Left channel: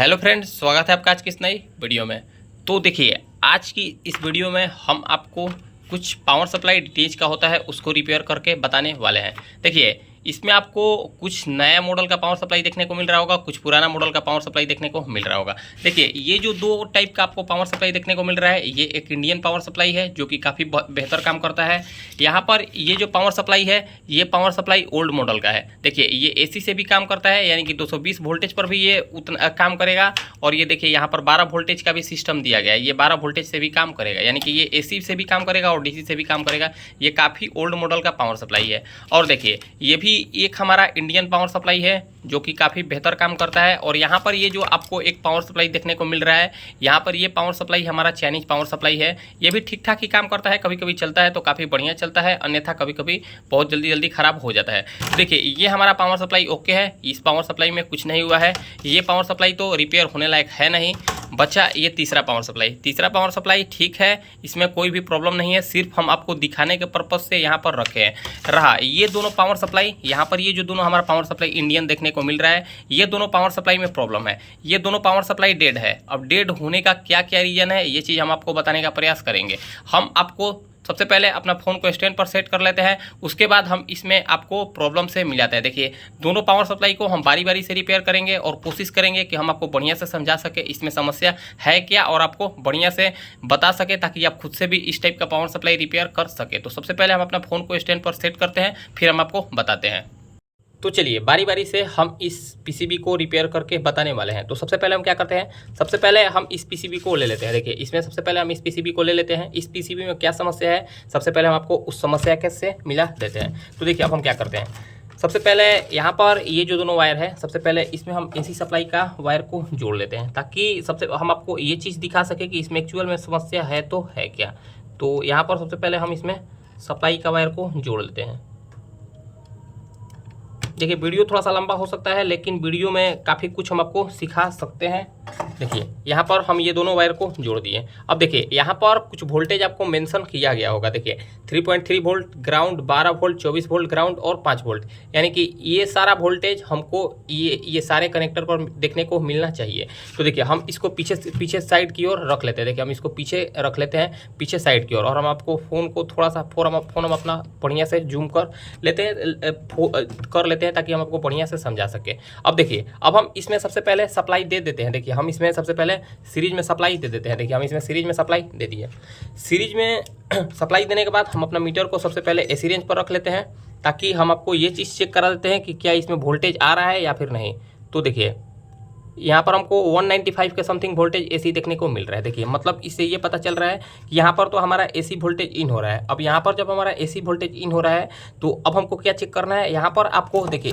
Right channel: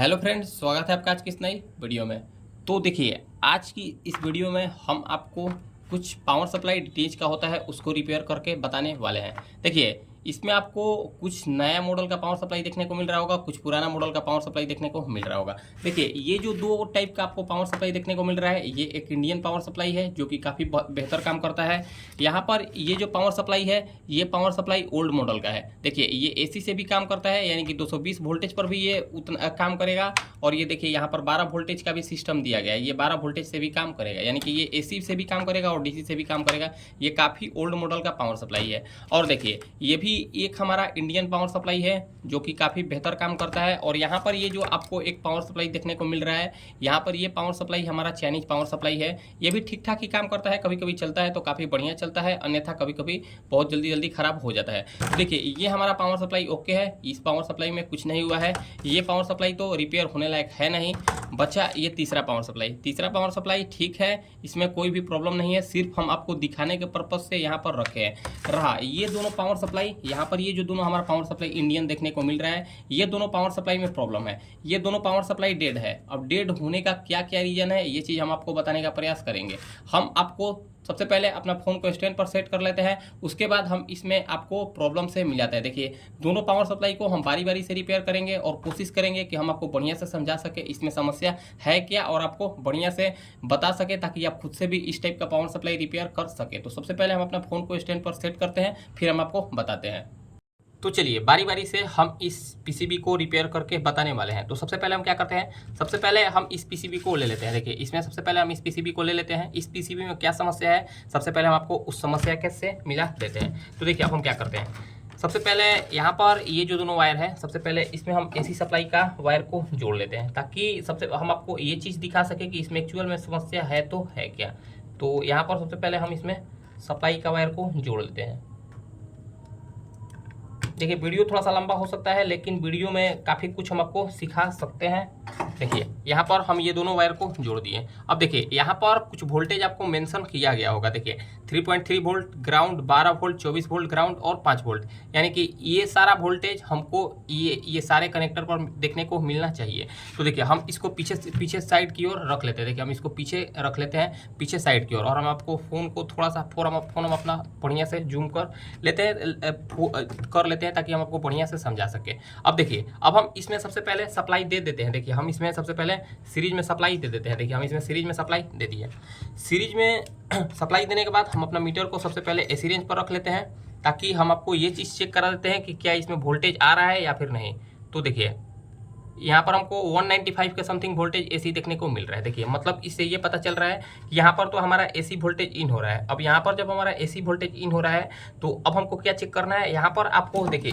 Hello friends, स्वागत है आपका आज की इस नई वीडियो में। तो देखिए, आज की इस वीडियो में हम आपको कुछ पावर सप्लाई डीटीएच का होता है उसको रिपेयर करके बताने वाले हैं। देखिए, इसमें आपको कुछ नया मॉडल का पावर सप्लाई देखने को मिल रहा होगा, कुछ पुराना मॉडल का पावर सप्लाई देखने को मिल रहा होगा। देखिए, ये जो दो टाइप का आपको पावर सप्लाई देखने को मिल रहा है, ये एक इंडियन पावर सप्लाई है जो कि काफ़ी बेहतर काम करता है। यहाँ पर ये जो पावर सप्लाई है, ये पावर सप्लाई ओल्ड मॉडल का है। देखिए, ये एसी से भी काम करता है, यानी कि 220 वोल्टेज पर भी ये उतना काम करेगा। और ये देखिए, यहाँ पर 12 वोल्टेज का भी सिस्टम दिया गया है, ये 12 वोल्टेज से भी काम करेगा, यानी कि ये एसी से भी काम करेगा और डीसी से भी काम करेगा। ये काफ़ी ओल्ड मॉडल का पावर सप्लाई है। और देखिए, ये भी एक हमारा इंडियन पावर सप्लाई है जो कि काफ़ी बेहतर काम करता है। और यहाँ पर ये जो आपको एक पावर सप्लाई देखने को मिल रहा है, यहाँ पर ये पावर सप्लाई हमारा चाइनीज पावर सप्लाई है। ये भी ठीक ठाक ही काम करता है, कभी कभी चलता है तो काफ़ी बढ़िया चलता है, अन्यथा कभी कभी बहुत जल्दी खराब हो जाता है। तो देखिए, ये हमारा पावर सप्लाई ओके है, इस पावर सप्लाई में कुछ नहीं हुआ है। ये पावर सप्लाई तो रिपेयर होने लायक है नहीं। बचा ये तीसरा पावर सप्लाई ठीक है, इसमें कोई भी प्रॉब्लम नहीं है, सिर्फ हम आपको दिखाने के पर्पज़ से यहाँ पर रखे हैं। रहा ये दोनों पावर सप्लाई, यहाँ पर ये जो दोनों हमारा पावर सप्लाई इंडियन देखने को मिल रहा है, ये दोनों पावर सप्लाई में प्रॉब्लम है। ये दोनों पावर सप्लाई डेड है। अब डेड होने का क्या क्या रीज़न है, ये चीज़ हम आपको बताने का प्रयास करेंगे। हम आपको सबसे पहले अपना फ़ोन को स्टैंड पर सेट कर लेते हैं, उसके बाद हम इसमें आपको प्रॉब्लम से मिलाते हैं। देखिए, दोनों पावर सप्लाई को हम बारी बारी से रिपेयर करेंगे और कोशिश करेंगे कि हम आपको बढ़िया से समझा सके इसमें समस्या है क्या, और आपको बढ़िया से बता सके ताकि आप खुद से भी इस टाइप का पावर सप्लाई रिपेयर कर सके। तो सबसे पहले हम अपना फ़ोन को स्टैंड पर सेट करते हैं, फिर हम आपको बताते हैं। तो चलिए, बारी बारी से हम इस पीसीबी को रिपेयर करके बताने वाले हैं। तो सबसे पहले हम क्या करते हैं, सबसे पहले हम इस पीसीबी को ले लेते हैं। देखिए, इसमें सबसे पहले हम इस पीसीबी को ले लेते हैं। इस पीसीबी में क्या समस्या है, सबसे पहले हम आपको उस समस्या के से मिला देते हैं। तो देखिए, अब हम क्या करते हैं, सबसे पहले यहाँ पर ये जो दोनों वायर है, सबसे पहले इसमें हम एसी सप्लाई का वायर को जोड़ लेते हैं, ताकि सबसे हम आपको ये चीज़ दिखा सके कि इसमें एक्चुअल में समस्या है तो है क्या। तो यहाँ पर सबसे पहले हम इसमें सप्लाई का वायर को जोड़ लेते हैं। देखिए, वीडियो थोड़ा सा लंबा हो सकता है, लेकिन वीडियो में काफ़ी कुछ हम आपको सिखा सकते हैं। देखिए, यहाँ पर हम ये दोनों वायर को जोड़ दिए। अब देखिए, यहाँ पर कुछ वोल्टेज आपको मेंशन किया गया होगा। देखिए, 3.3 volt ground, 12 volt, 24 volt ground और 5 वोल्ट, यानी कि ये सारा वोल्टेज हमको ये सारे कनेक्टर पर देखने को मिलना चाहिए। तो देखिए, हम इसको पीछे साइड की ओर रख लेते हैं। देखिए, हम इसको पीछे रख लेते हैं, पीछे साइड की ओर, और हम आपको फ़ोन को थोड़ा सा फ़ोन हम अपना बढ़िया से जूम कर लेते हैं ताकि हम आपको बढ़िया से समझा सके। अब देखिए, अब हम इसमें सबसे पहले सप्लाई दे देते हैं। देखिए, हम इसमें सबसे पहले सीरीज में सप्लाई दे देते हैं। देखिए, हम इसमें सीरीज में सप्लाई दे दिए। सीरीज में सप्लाई देने के बाद हम अपना मीटर को सबसे पहले एसी रेंज पर रख लेते हैं, ताकि हम आपको ये चीज़ चेक करा देते हैं कि क्या इसमें वोल्टेज आ रहा है या फिर नहीं। तो देखिए, यहाँ पर हमको 195 के समथिंग वोल्टेज एसी देखने को मिल रहा है। देखिए, मतलब इससे ये पता चल रहा है कि यहाँ पर तो हमारा एसी वोल्टेज इन हो रहा है। अब यहाँ पर जब हमारा एसी वोल्टेज इन हो रहा है, तो अब हमको क्या चेक करना है, यहाँ पर आपको देखिए,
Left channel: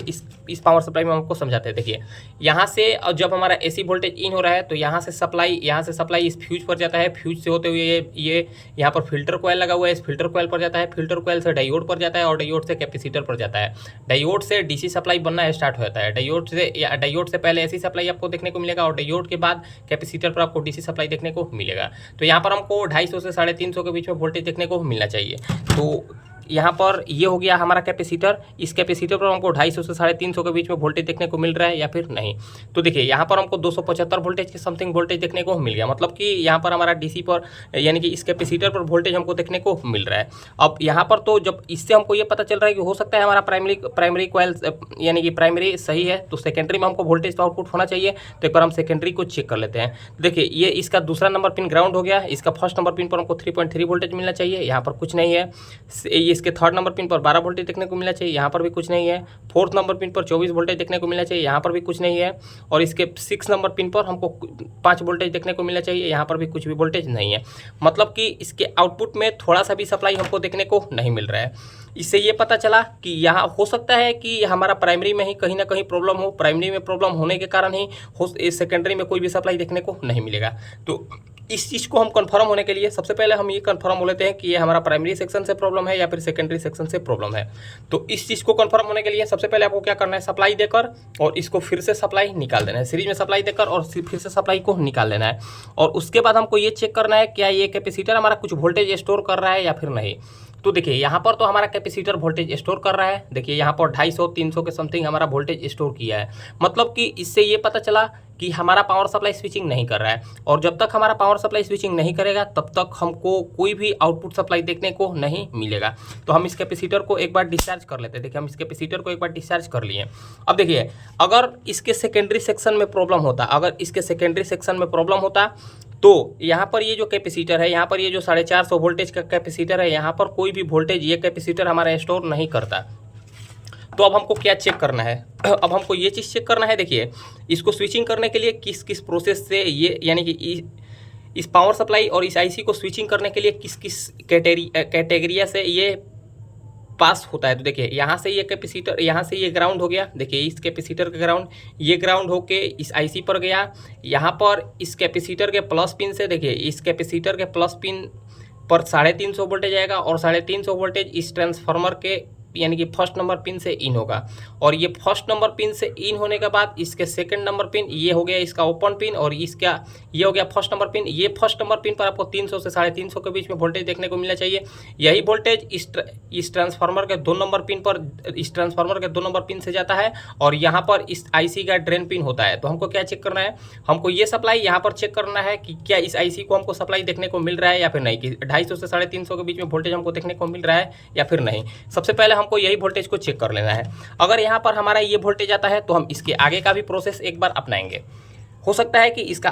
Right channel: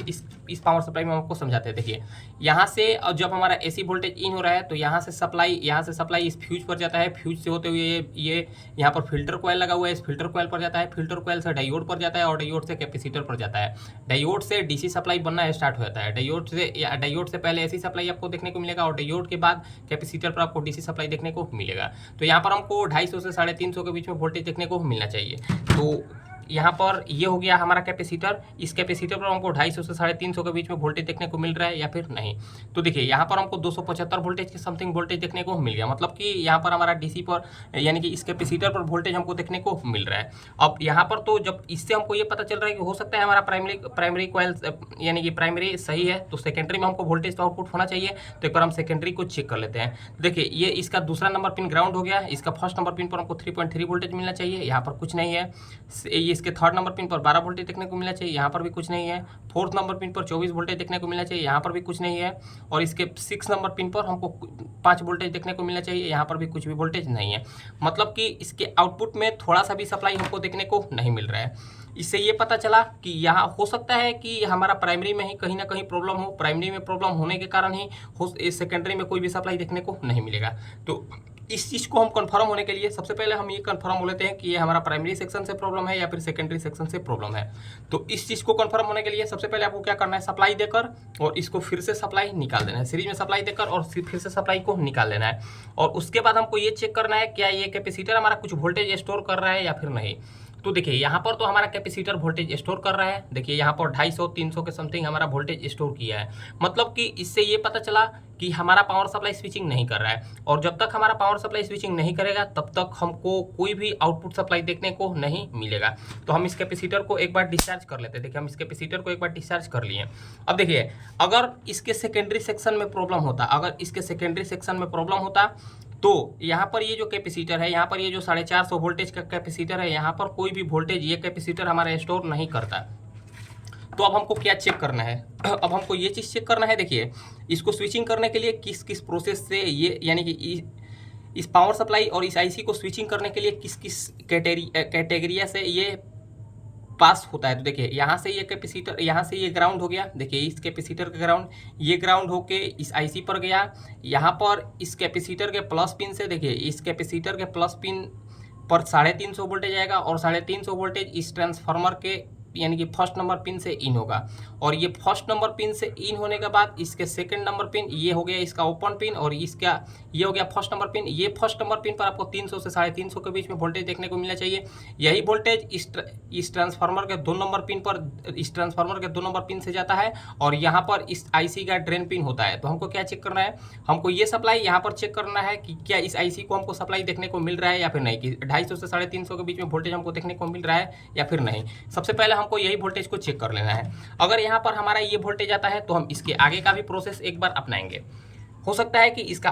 इस पावर सप्लाई में हमको समझाते हैं। देखिए, यहाँ से जब हमारा एसी वोल्टेज इन हो रहा है, तो यहाँ से सप्लाई इस फ्यूज पर जाता है। फ्यूज से होते हुए ये यहाँ पर फिल्टर कॉइल लगा हुआ है, इस फिल्टर कॉइल पर जाता है। फिल्टर कॉइल से डायोड पर जाता है, और डायोड से कैपेसिटर पर जाता है। डायोड से डीसी सप्लाई बनना स्टार्ट हो जाता है। डायोड से पहले एसी सप्लाई आपको देखने को मिलेगा, और डायोड के बाद कैपेसिटर पर आपको डीसी सप्लाई देखने को मिलेगा। तो यहाँ पर हमको 250 से 350 के बीच में वोल्टेज देखने को मिलना चाहिए। तो यहाँ पर ये हो गया हमारा कैपेसिटर। इस कैपेसिटर पर हमको 250 से 350 के बीच में वोल्टेज देखने को मिल रहा है या फिर नहीं। तो देखिए, यहाँ पर हमको 275 वोल्टेज के समथिंग वोल्टेज देखने को मिल गया, मतलब कि यहाँ पर हमारा डीसी पर, यानी कि इस कैपेसिटर पर वोल्टेज हमको देखने को मिल रहा है। अब यहाँ पर तो जब इससे हमको ये पता चल रहा है कि हो सकता है हमारा प्राइमरी कॉइल, यानी कि प्राइमरी सही है, तो सेकेंडरी में हमको वोल्टेज तो आउटपुट होना चाहिए। तो एक बार हम सेकेंडरी को चेक कर लेते हैं। देखिए, ये इसका दूसरा नंबर पिन ग्राउंड हो गया। इसका फर्स्ट नंबर पिन पर हमको 3.3 वोल्टेज मिलना चाहिए, यहाँ पर कुछ नहीं है। इसके थर्ड नंबर पिन पर 12 वोल्टेज देखने को मिलना चाहिए, यहाँ पर भी कुछ नहीं है। फोर्थ नंबर पिन पर 24 वोल्टेज देखने को मिलना चाहिए, यहाँ पर भी कुछ नहीं है। और इसके 6 नंबर पिन पर हमको 5 वोल्टेज देखने को मिलना चाहिए, यहाँ पर भी कुछ भी वोल्टेज नहीं है। मतलब कि इसके आउटपुट में थोड़ा सा भी सप्लाई हमको देखने को नहीं मिल रहा है। इससे ये पता चला कि यहाँ हो सकता है कि हमारा प्राइमरी में ही कहीं ना कहीं प्रॉब्लम हो। प्राइमरी में प्रॉब्लम होने के कारण ही सेकेंडरी में कोई भी सप्लाई देखने को नहीं मिलेगा। तो इस चीज़ को हम कंफर्म होने के लिए सबसे पहले हम ये कंफर्म हो लेते हैं कि ये हमारा प्राइमरी सेक्शन से प्रॉब्लम है या फिर सेकेंडरी सेक्शन से प्रॉब्लम है। तो इस चीज़ को कंफर्म होने के लिए सबसे पहले आपको क्या करना है, सप्लाई देकर और इसको फिर से सप्लाई निकाल देना है। सीरीज में सप्लाई देकर और फिर से सप्लाई को निकाल लेना है। और उसके बाद हमको ये चेक करना है क्या ये कैपेसिटर हमारा कुछ वोल्टेज स्टोर कर रहा है या फिर नहीं। तो देखिए यहाँ पर तो हमारा कैपेसिटर वोल्टेज स्टोर कर रहा है। देखिए यहाँ पर 250-300 के समथिंग हमारा वोल्टेज स्टोर किया है। मतलब कि इससे ये पता चला कि हमारा पावर सप्लाई स्विचिंग नहीं कर रहा है, और जब तक हमारा पावर सप्लाई स्विचिंग नहीं करेगा तब तक हमको कोई भी आउटपुट सप्लाई देखने को नहीं मिलेगा। तो हम इस कैपेसिटर को एक बार डिस्चार्ज कर लेते हैं। देखिए हम इस कैपेसिटर को एक बार डिस्चार्ज कर लिए। अब देखिए अगर इसके सेकेंडरी सेक्शन में प्रॉब्लम होता, तो यहाँ पर ये जो कैपेसिटर है, यहाँ पर ये जो 450 वोल्टेज का कैपेसिटर है, यहाँ पर कोई भी वोल्टेज ये कैपेसिटर हमारा स्टोर नहीं करता। तो अब हमको क्या चेक करना है? अब हमको ये चीज़ चेक करना है। देखिए इसको स्विचिंग करने के लिए किस किस प्रोसेस से ये, यानी कि इस पावर सप्लाई और इस आईसी को स्विचिंग करने के लिए किस किस कैटेगरिया से ये पास होता है। तो देखिए यहाँ से ये कैपेसिटर, यहाँ से ये ग्राउंड हो गया। देखिए इस कैपेसिटर का ग्राउंड, ये ग्राउंड होके इस आईसी पर गया। यहाँ पर इस कैपेसिटर के प्लस पिन से, देखिए इस कैपेसिटर के प्लस पिन पर 350 वोल्टेज आएगा, और 350 वोल्टेज इस ट्रांसफार्मर के यानी कि फर्स्ट नंबर पिन से इन होगा। और ये फर्स्ट नंबर पिन से इन होने के बाद इसके सेकंड नंबर पिन, ये हो गया इसका ओपन पिन, और इसका ये हो गया फर्स्ट नंबर पिन। ये फर्स्ट नंबर पिन पर आपको 300 से 350 के बीच में वोल्टेज देखने को मिलना चाहिए। यही वोल्टेज इस ट्रांसफार्मर के 2 नंबर पिन पर, इस ट्रांसफार्मर के 2 नंबर पिन से जाता है, और यहाँ पर इस आईसी का ड्रेन पिन होता है। तो हमको क्या चेक करना है? हमको ये सप्लाई यहाँ पर चेक करना है कि क्या इस आईसी को हमको सप्लाई देखने को मिल रहा है या फिर नहीं, कि 250 से 350 के बीच में वोल्टेज हमको देखने को मिल रहा है या फिर नहीं। सबसे पहले हमको यही वोल्टेज को चेक कर लेना है। अगर यहाँ पर हमारा ये वोल्टेज आता है तो हम इसके आगे का भी प्रोसेस एक बार अपनाएंगे। हो सकता है कि इसका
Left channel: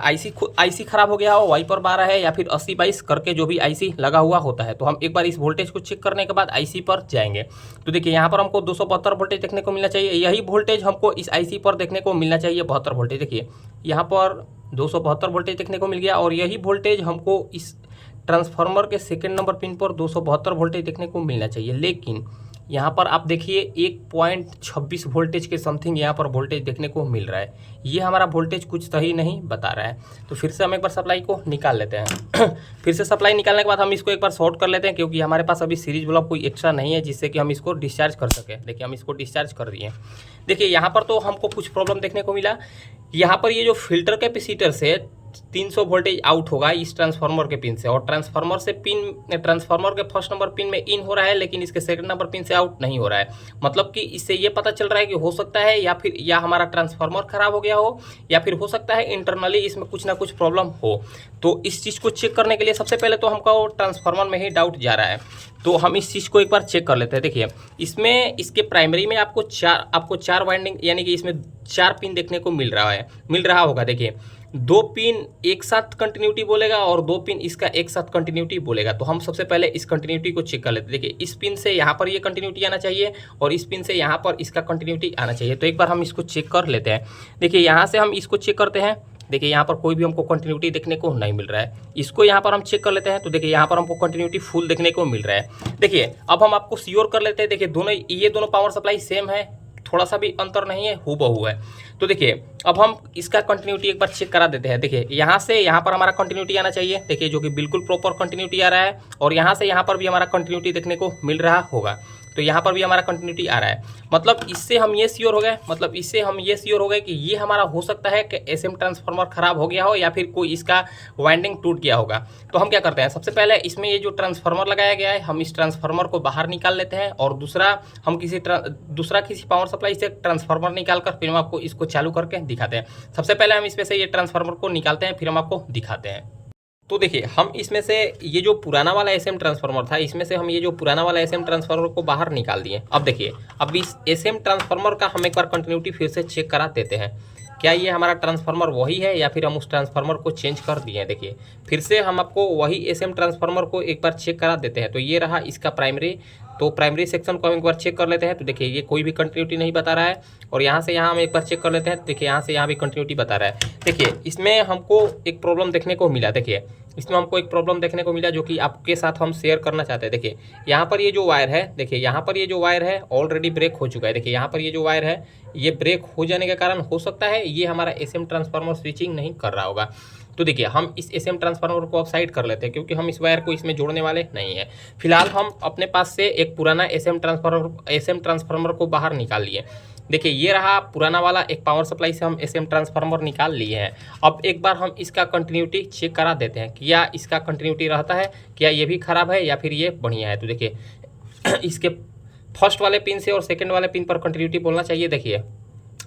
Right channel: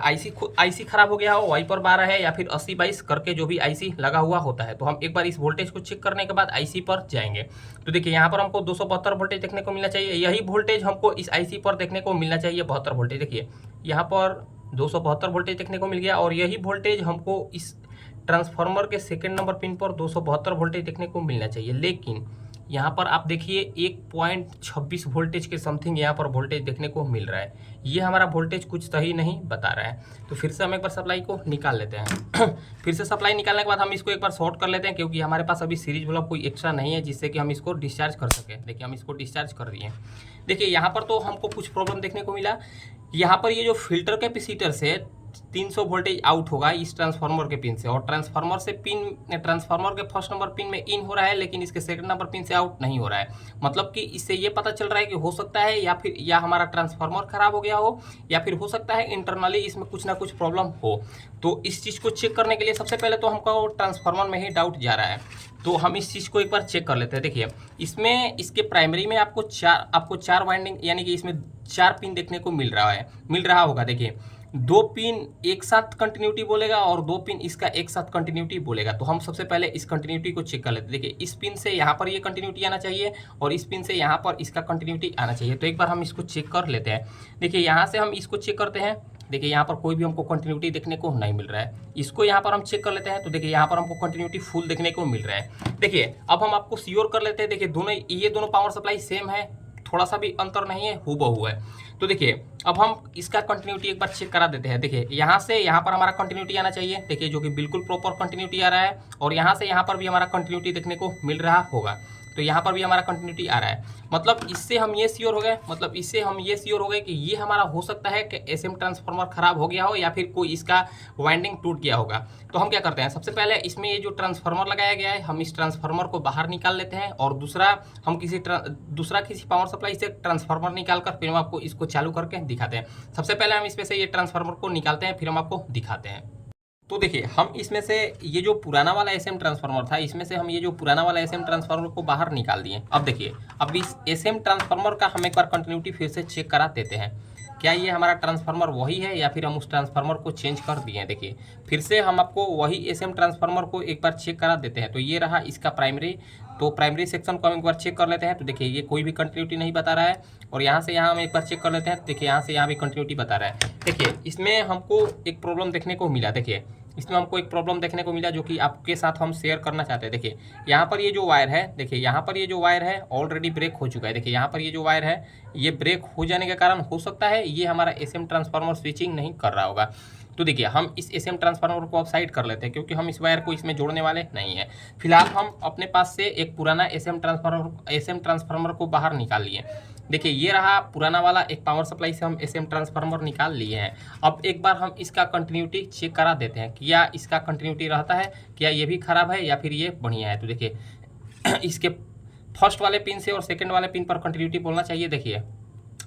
आईसी खराब हो गया हो, वाइपर 12 है या फिर 80-22 करके जो भी आईसी लगा हुआ होता है। तो हम एक बार इस वोल्टेज को चेक करने के बाद आईसी पर जाएंगे। तो देखिए यहाँ पर हमको 272 वोल्टेज देखने को मिलना चाहिए। यही वोल्टेज हमको इस आईसी पर देखने को मिलना चाहिए, 72 वोल्टेज। देखिए यहाँ पर 272 वोल्टेज देखने को मिल गया, और यही वोल्टेज हमको इस ट्रांसफार्मर के सेकेंड नंबर पिन पर 272 वोल्टेज देखने को मिलना चाहिए। लेकिन यहाँ पर आप देखिए 1.26 वोल्टेज के समथिंग यहाँ पर वोल्टेज देखने को मिल रहा है। ये हमारा वोल्टेज कुछ सही नहीं बता रहा है। तो फिर से हम एक बार सप्लाई को निकाल लेते हैं। फिर से सप्लाई निकालने के बाद हम इसको एक बार शॉर्ट कर लेते हैं, क्योंकि हमारे पास अभी सीरीज बल्ब कोई एक्स्ट्रा नहीं है जिससे कि हम इसको डिस्चार्ज कर सकें। देखिए हम इसको डिस्चार्ज कर दिए। देखिए यहाँ पर तो हमको कुछ प्रॉब्लम देखने को मिला। यहाँ पर ये जो फिल्टर कैपेसिटर से 300 वोल्टेज आउट होगा इस ट्रांसफार्मर के पिन से, और ट्रांसफार्मर के फर्स्ट नंबर पिन में इन हो रहा है, लेकिन इसके सेकंड नंबर पिन से आउट नहीं हो रहा है। मतलब कि इससे ये पता चल रहा है कि हो सकता है या हमारा ट्रांसफार्मर खराब हो गया हो, या फिर हो सकता है इंटरनली इसमें कुछ ना कुछ प्रॉब्लम हो। तो इस चीज़ को चेक करने के लिए सबसे पहले तो हमको ट्रांसफार्मर में ही डाउट जा रहा है। तो हम इस चीज़ को एक बार चेक कर लेते हैं। देखिए इसमें, इसके प्राइमरी में आपको चार वाइंडिंग, यानी कि इसमें 4 पिन देखने को मिल रहा होगा। देखिए 2 पिन एक साथ कंटिन्यूटी बोलेगा और 2 पिन इसका एक साथ कंटिन्यूटी बोलेगा। तो हम सबसे पहले इस कंटिन्यूटी को चेक कर लेते हैं। देखिए इस पिन से यहाँ पर ये कंटिन्यूटी आना चाहिए, और इस पिन से यहाँ पर इसका कंटिन्यूटी आना चाहिए। तो एक बार हम इसको चेक कर लेते हैं। देखिए यहाँ से हम इसको चेक करते हैं। देखिए यहाँ पर कोई भी हमको कंटिन्यूटी देखने को नहीं मिल रहा है। इसको यहाँ पर हम चेक कर लेते हैं। तो देखिए यहाँ पर हमको कंटिन्यूटी फुल देखने को मिल रहा है। देखिए अब हम आपको श्योर कर लेते हैं। देखिए ये दोनों पावर सप्लाई सेम है, थोड़ा सा भी अंतर नहीं है, हूबहू है। तो देखिए अब हम इसका कंटिन्यूटी एक बार चेक करा देते हैं। देखिए यहाँ से यहाँ पर हमारा कंटिन्यूटी आना चाहिए। देखिए जो कि बिल्कुल प्रॉपर कंटिन्यूटी आ रहा है, और यहाँ से यहाँ पर भी हमारा कंटिन्यूटी देखने को मिल रहा होगा। तो यहाँ पर भी हमारा कंटिन्यूटी आ रहा है। मतलब इससे हम ये श्योर हो गए कि ये हमारा हो सकता है कि एसएम ट्रांसफार्मर खराब हो गया हो, या फिर कोई इसका वाइंडिंग टूट गया होगा। तो हम क्या करते हैं, सबसे पहले इसमें ये जो ट्रांसफार्मर लगाया गया है, हम इस ट्रांसफार्मर को बाहर निकाल लेते हैं, और दूसरा किसी पावर सप्लाई से ट्रांसफार्मर निकाल कर फिर हम आपको इसको चालू करके दिखाते हैं। सबसे पहले हम इसमें से ये ट्रांसफार्मर को निकालते हैं, फिर हम आपको दिखाते हैं। तो देखिए हम इसमें से ये जो पुराना वाला एसएम ट्रांसफार्मर था, इसमें से हम ये जो पुराना वाला एसएम ट्रांसफार्मर को बाहर निकाल दिए। अब देखिए अब इस एसएम ट्रांसफार्मर का हम एक बार कंटिन्यूटी फिर से चेक करा देते हैं। क्या ये हमारा ट्रांसफार्मर वही है या फिर हम उस ट्रांसफार्मर को चेंज कर दिए हैं। देखिए फिर से हम आपको वही एसएम ट्रांसफार्मर को एक बार चेक करा देते हैं। तो ये रहा इसका प्राइमरी। तो प्राइमरी सेक्शन को हम एक बार चेक कर लेते हैं। तो देखिए ये कोई भी कंटिन्यूटी नहीं बता रहा है, और यहाँ से यहाँ हम एक बार चेक कर लेते हैं। देखिए यहाँ से यहाँ भी कंटिन्यूटी बता रहा है। देखिए इसमें हमको एक प्रॉब्लम देखने को मिला। देखिए इसमें हमको एक प्रॉब्लम देखने को मिला जो कि आपके साथ हम शेयर करना चाहते हैं। देखिए यहाँ पर ये जो वायर है, देखिए यहाँ पर ये जो वायर है ऑलरेडी ब्रेक हो चुका है। देखिए यहाँ पर ये जो वायर है, ये ब्रेक हो जाने के कारण हो सकता है ये हमारा एसएम ट्रांसफार्मर स्विचिंग नहीं कर रहा होगा। तो देखिए हम इस एसएम ट्रांसफार्मर को अब साइड कर लेते हैं, क्योंकि हम इस वायर को इसमें जोड़ने वाले नहीं है। फिलहाल हम अपने पास से एक पुराना एसएम ट्रांसफार्मर को बाहर निकाल लिए। देखिए ये रहा पुराना वाला, एक पावर सप्लाई से हम एसएम ट्रांसफार्मर निकाल लिए हैं। अब एक बार हम इसका कंटिन्यूटी चेक करा देते हैं, क्या इसका कंटिन्यूटी रहता है, क्या ये भी खराब है या फिर ये बढ़िया है। तो देखिए इसके फर्स्ट वाले पिन से और सेकंड वाले पिन पर कंटिन्यूटी बोलना चाहिए। देखिए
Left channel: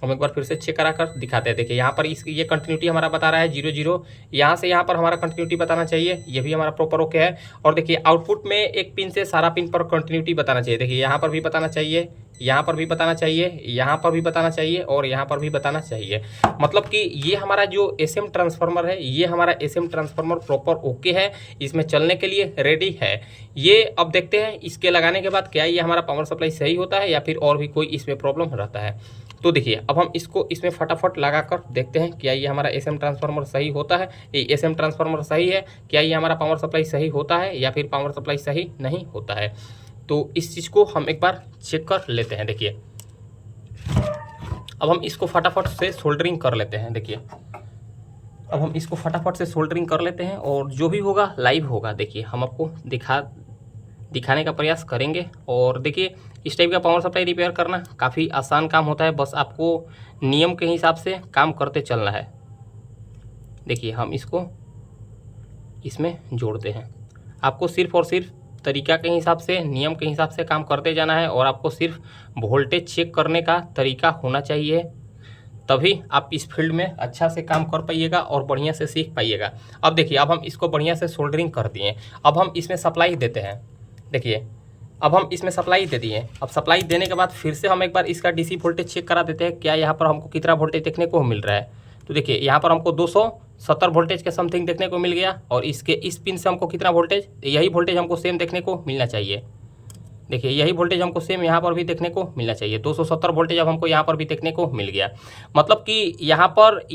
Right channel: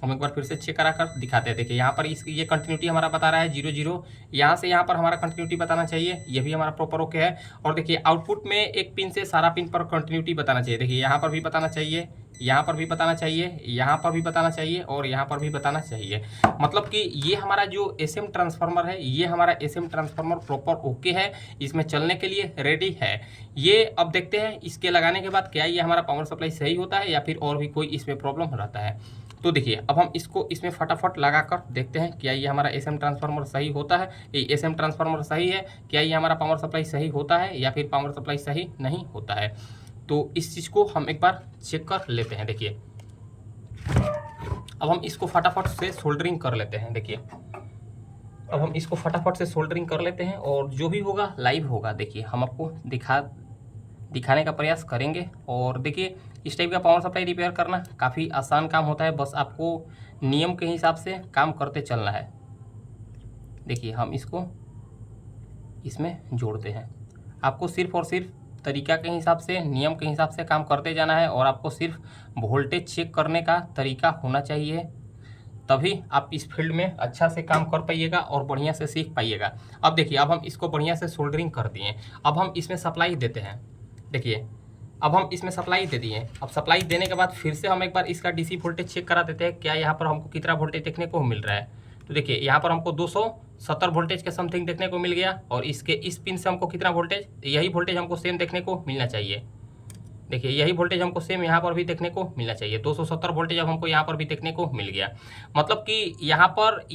हम एक बार फिर से चेक करा कर दिखाते हैं। देखिए यहाँ पर ये कंटिन्यूटी हमारा बता रहा है 0 0, यहाँ से यहाँ पर हमारा कंटिन्यूटी बताना चाहिए, ये भी हमारा प्रॉपर ओके है। और देखिए आउटपुट में एक पिन से सारा पिन पर कंटिन्यूटी बताना चाहिए। देखिए यहाँ पर भी बताना चाहिए, यहाँ पर भी बताना चाहिए, यहाँ पर भी बताना चाहिए और यहाँ पर भी बताना चाहिए। मतलब कि ये हमारा जो एसएम ट्रांसफार्मर है, ये हमारा एसएम ट्रांसफार्मर प्रॉपर ओके है, इसमें चलने के लिए रेडी है। ये अब देखते हैं इसके लगाने के बाद क्या ये हमारा पावर सप्लाई सही होता है या फिर और भी कोई इसमें प्रॉब्लम रहता है। तो देखिए अब हम इसको इसमें फटाफट लगा कर देखते हैं क्या ये हमारा एसएम ट्रांसफार्मर सही होता है, ये एसएम ट्रांसफार्मर सही है, क्या ये हमारा पावर सप्लाई सही होता है या फिर पावर सप्लाई सही नहीं होता है। तो इस चीज़ को हम एक बार चेक कर लेते हैं। देखिए अब हम इसको फटाफट से सोल्डरिंग कर लेते हैं। देखिए अब हम इसको फटाफट से सोल्डरिंग कर लेते हैं और जो भी होगा लाइव होगा। देखिए हम आपको दिखाने का प्रयास करेंगे। और देखिए इस टाइप का पावर सप्लाई रिपेयर करना काफ़ी आसान काम होता है, बस आपको नियम के हिसाब से काम करते चलना है। देखिए हम इसको इसमें जोड़ते हैं, आपको सिर्फ और सिर्फ तरीका के हिसाब से, नियम के हिसाब से काम करते जाना है और आपको सिर्फ वोल्टेज चेक करने का तरीका होना चाहिए, तभी आप इस फील्ड में अच्छा से काम कर पाइएगा और बढ़िया से सीख पाइएगा। अब देखिए अब हम इसको बढ़िया से सोल्डरिंग कर दिए, अब हम इसमें सप्लाई देते हैं। देखिए अब हम इसमें सप्लाई दे दिए, अब सप्लाई देने के बाद फिर से हम एक बार इसका डीसी वोल्टेज चेक करा देते हैं, क्या यहाँ पर हमको कितना वोल्टेज देखने को मिल रहा है। तो देखिए यहाँ पर हमको 270 वोल्टेज के समथिंग देखने को मिल गया और इसके इस पिन से हमको कितना वोल्टेज, यही वोल्टेज हमको सेम देखने को मिलना चाहिए। देखिए यही वोल्टेज हमको सेम यहाँ पर भी देखने को मिलना चाहिए, 270 वोल्टेज अब हमको यहाँ पर भी देखने को मिल गया। मतलब कि यहाँ पर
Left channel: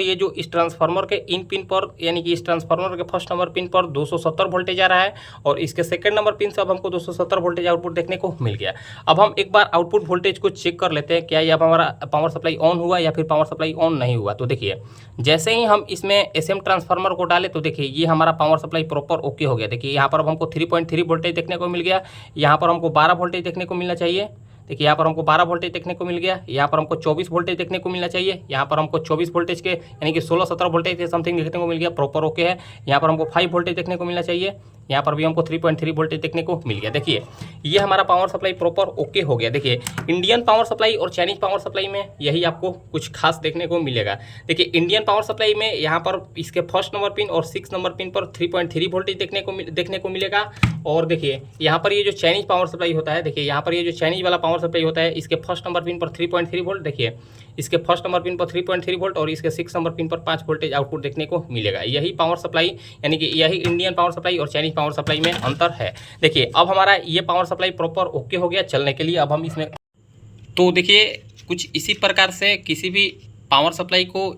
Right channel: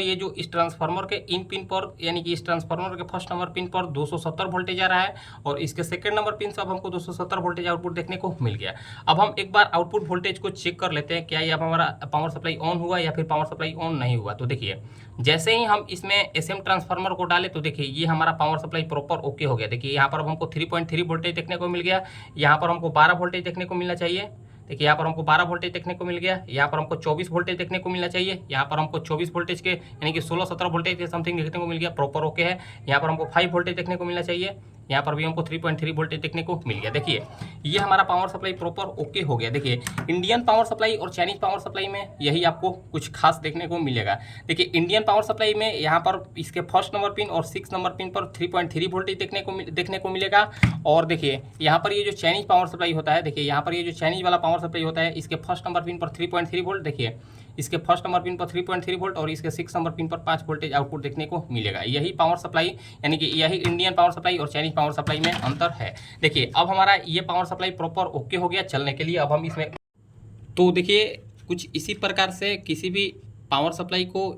ये जो इस ट्रांसफार्मर के इन पिन पर, यानी कि इस ट्रांसफार्मर के फर्स्ट नंबर पिन पर 270 वोल्टेज आ रहा है और इसके सेकंड नंबर पिन से अब हमको 270 वोल्टेज आउटपुट देखने को मिल गया। अब हम एक बार आउटपुट वोल्टेज को चेक कर लेते हैं, क्या ये अब हमारा पावर सप्लाई ऑन हुआ या फिर पावर सप्लाई ऑन नहीं हुआ। तो देखिए जैसे ही हम इसमें एसएम ट्रांसफार्मर को डाले तो देखिए ये हमारा पावर सप्लाई प्रॉपर ओके हो गया। देखिए यहाँ पर अब हमको 3.3 वोल्टेज देखने को मिल गया, यहाँ पर हमको 12 वोल्टेज देखने को मिलना चाहिए। देखिए यहाँ पर हमको 12 वोल्टेज देखने को मिल गया, यहाँ पर हमको 24 वोल्टेज देखने को मिलना चाहिए, यहाँ पर हमको 24 वोल्टेज के यानी कि 16-17 वोल्टेज के समथिंग देखने को मिल गया, प्रॉपर ओके है। यहाँ पर हमको 5 वोल्टेज देखने को मिलना चाहिए, यहाँ पर भी हमको 3.3 वोल्टेज देखने को मिल गया। देखिए ये हमारा पावर सप्लाई प्रॉपर ओके हो गया। देखिए इंडियन पावर सप्लाई और चाइनीज पावर सप्लाई में यही आपको कुछ खास देखने को मिलेगा। देखिए इंडियन पावर सप्लाई में यहाँ पर इसके फर्स्ट नंबर पिन और 6 नंबर पिन पर 3.3 वोल्टेज देखने को मिलेगा। और देखिए यहाँ पर ये जो चाइनीज पावर सप्लाई होता है, देखिए यहाँ पर ये जो चाइनीज वाला पावर सप्लाई होता है, इसके फर्स्ट नंबर पिन पर 3.3 वोल्ट, देखिए इसके फर्स्ट नंबर पिन पर 3.3 वोल्ट और इसके 6 नंबर पिन पर 5 वोल्टेज आउटपुट देखने को मिलेगा। यही पावर सप्लाई यानी कि यही इंडियन पावर सप्लाई और चाइनीज पावर सप्लाई में अंतर है। देखिए अब हमारा ये पावर सप्लाई प्रॉपर ओके हो गया चलने के लिए। अब हम इसमें तो देखिए कुछ इसी प्रकार से किसी भी पावर सप्लाई को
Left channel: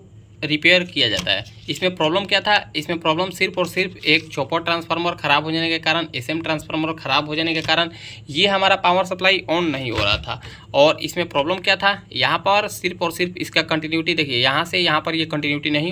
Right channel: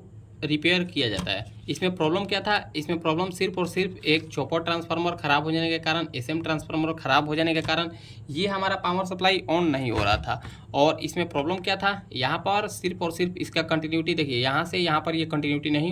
रिपेयर किया जाता है। इसमें प्रॉब्लम क्या था, इसमें प्रॉब्लम सिर्फ और सिर्फ एक चॉपर ट्रांसफार्मर ख़राब हो जाने के कारण, एसएम ट्रांसफार्मर ख़राब हो जाने के कारण ये हमारा पावर सप्लाई ऑन नहीं हो रहा था। और इसमें प्रॉब्लम क्या था, यहाँ पर सिर्फ और सिर्फ इसका कंटिन्यूटी देखिए, यहाँ से यहाँ पर ये कंटिन्यूटी नहीं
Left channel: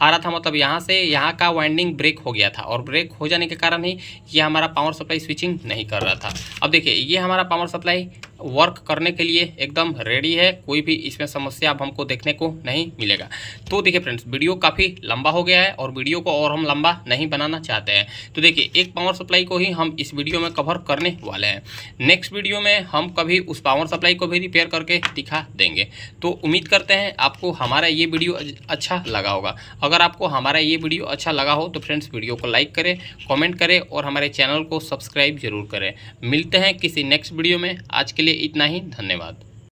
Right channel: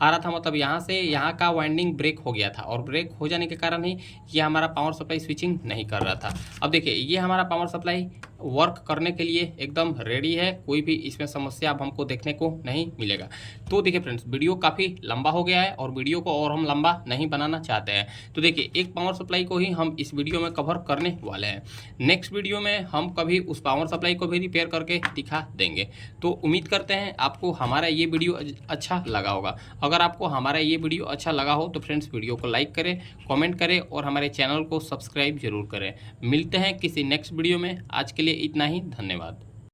आ रहा था, मतलब यहाँ से यहाँ का वाइंडिंग ब्रेक हो गया था और ब्रेक हो जाने के कारण ही ये हमारा पावर सप्लाई स्विचिंग नहीं कर रहा था। अब देखिए ये हमारा पावर सप्लाई वर्क करने के लिए एकदम रेडी है, कोई भी इसमें समस्या अब हमको देखने को नहीं मिलेगा। तो देखिए फ्रेंड्स वीडियो काफ़ी लंबा हो गया है और वीडियो को और हम लंबा नहीं बनाना चाहते हैं। तो देखिए एक पावर सप्लाई को ही हम इस वीडियो में कवर करने वाले हैं। नेक्स्ट वीडियो में हम कभी उस पावर सप्लाई को भी रिपेयर करके दिखा देंगे। तो उम्मीद करते हैं आपको हमारा ये वीडियो अच्छा लगा होगा। अगर आपको हमारा ये वीडियो अच्छा लगा हो तो फ्रेंड्स वीडियो को लाइक करें, कमेंट करें और हमारे चैनल को सब्सक्राइब जरूर करें। मिलते हैं किसी नेक्स्ट वीडियो में, आज के लिए इतना ही, धन्यवाद।